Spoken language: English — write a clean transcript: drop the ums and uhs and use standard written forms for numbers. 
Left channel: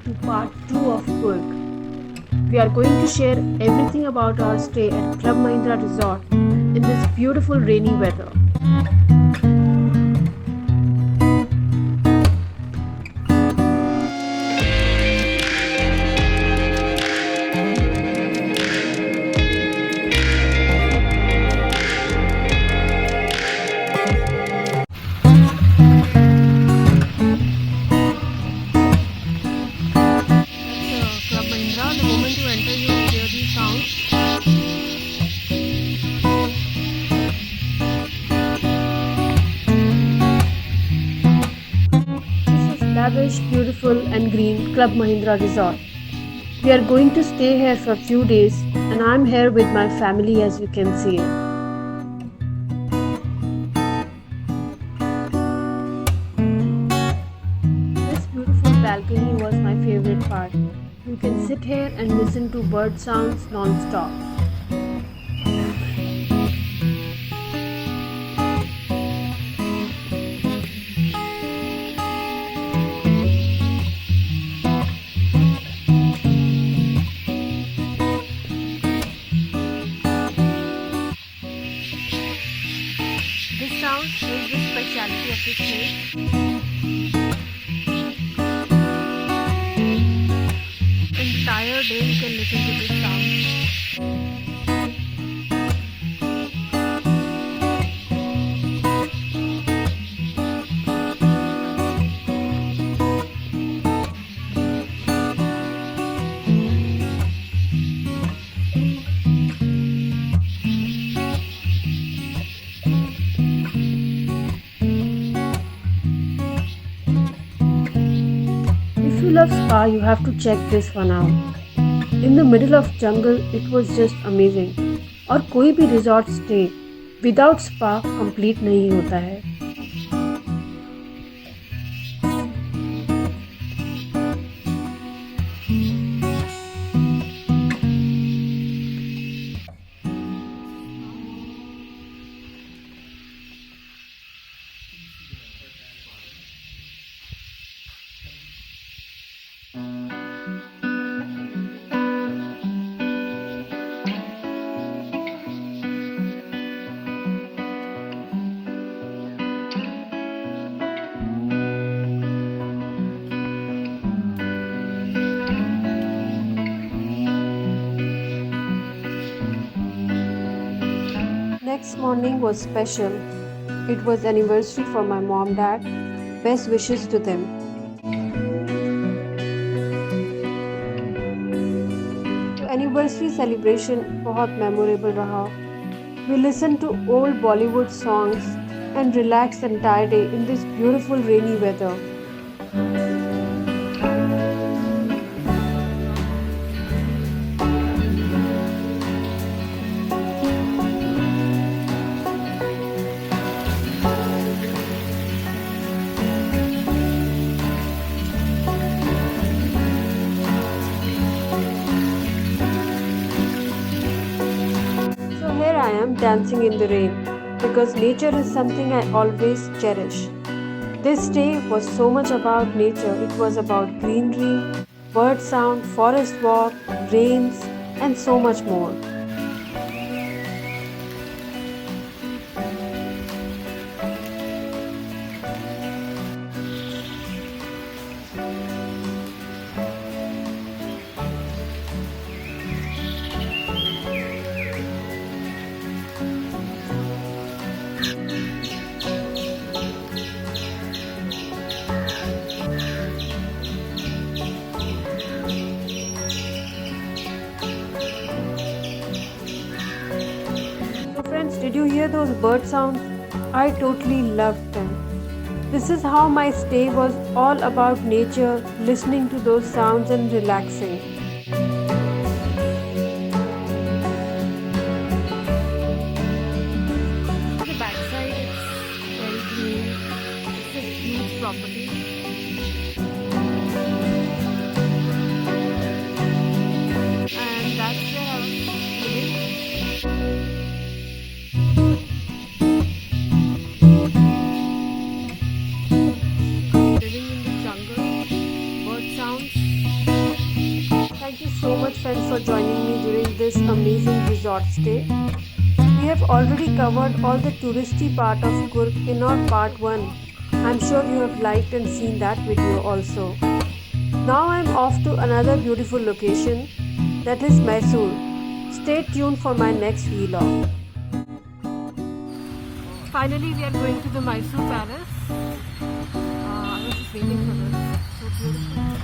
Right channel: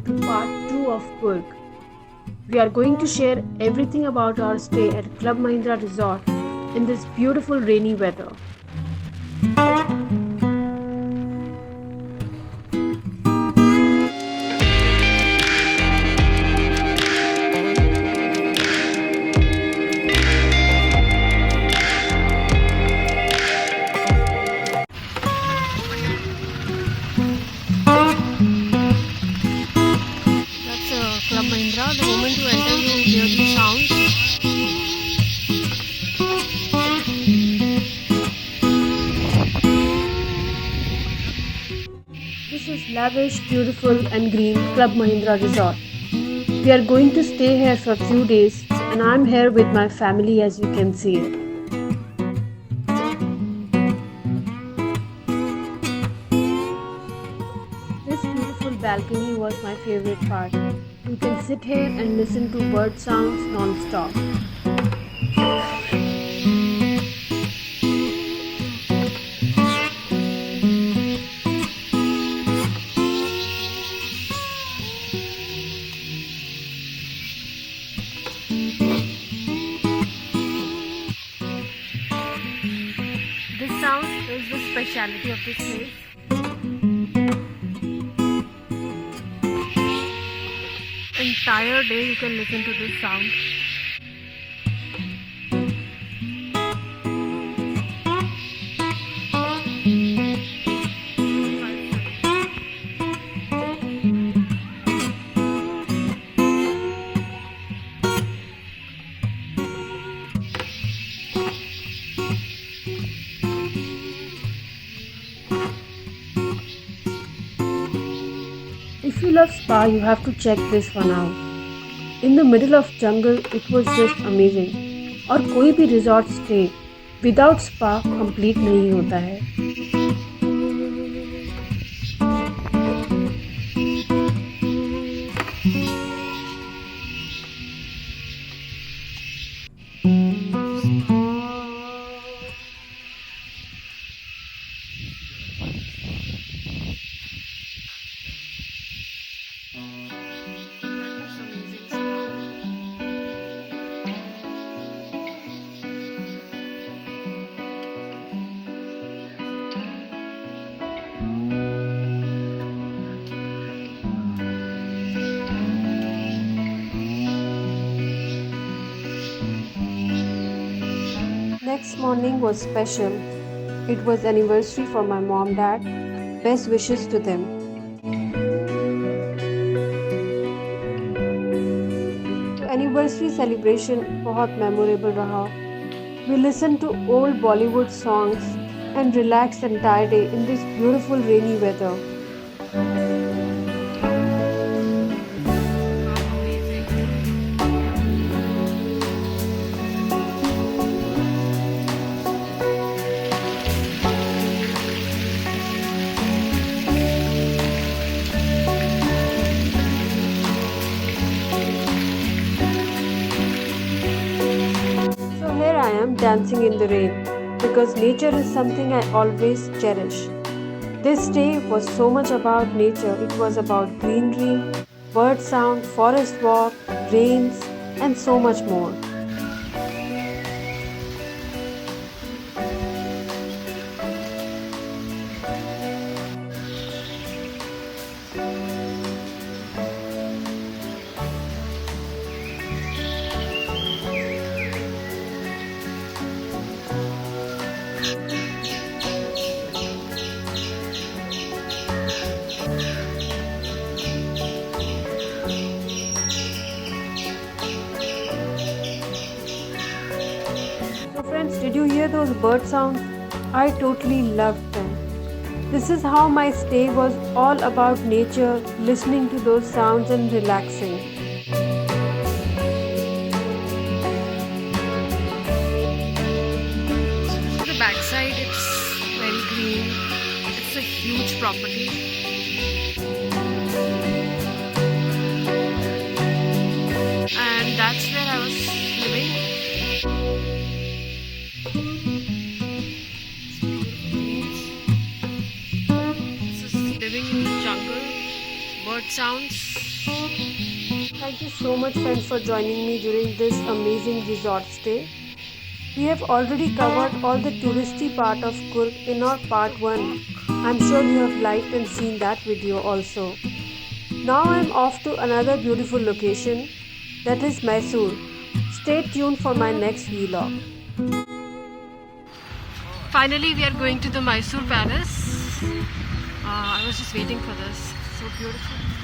welcome to part 2 of Coorg. We are going to share everything about our stay at Club Mahindra Resort in this beautiful rainy weather. Club Mahindra, the moment you enter, you hear these sounds. This is lavish, beautiful, and green Club Mahindra Resort. We are going to stay here for a few days, and I'm here with my family, as you can see it. This beautiful balcony was my favorite part. You can sit here and listen to bird sounds non-stop. This sound is the speciality of this place. Entire day you can listen to this sound. If you love spa, you have to check this one out. In the middle of jungle, it was just amazing. और कोई भी resort stay without spa complete नहीं होता है. Next morning was special. It was anniversary for my mom-dad. Best wishes to them. The anniversary celebration बहुत memorable रहा. We listened to old Bollywood songs and relaxed the entire day in this beautiful rainy weather. Here I am dancing in the rain because nature is something I always cherish. This day was so much about nature. It was about greenery, bird sound, forest walk, rains, and so much more. Friends, did you hear those bird sounds? I totally loved them. This is how my stay was all about nature, listening to those sounds and relaxing. The backside, it's very green. It's a huge property. And that's where I was living. This is living in the jungle, bird sounds. Thank you so much, friends, for joining me during this amazing resort stay. We have already covered all the touristy part of Coorg in our part 1. I'm sure you have liked and seen that video also. Now I'm off to another beautiful location, that is Mysore. Stay tuned for my next vlog. Finally, we are going to the Mysore Palace. I was just waiting for this. So beautiful.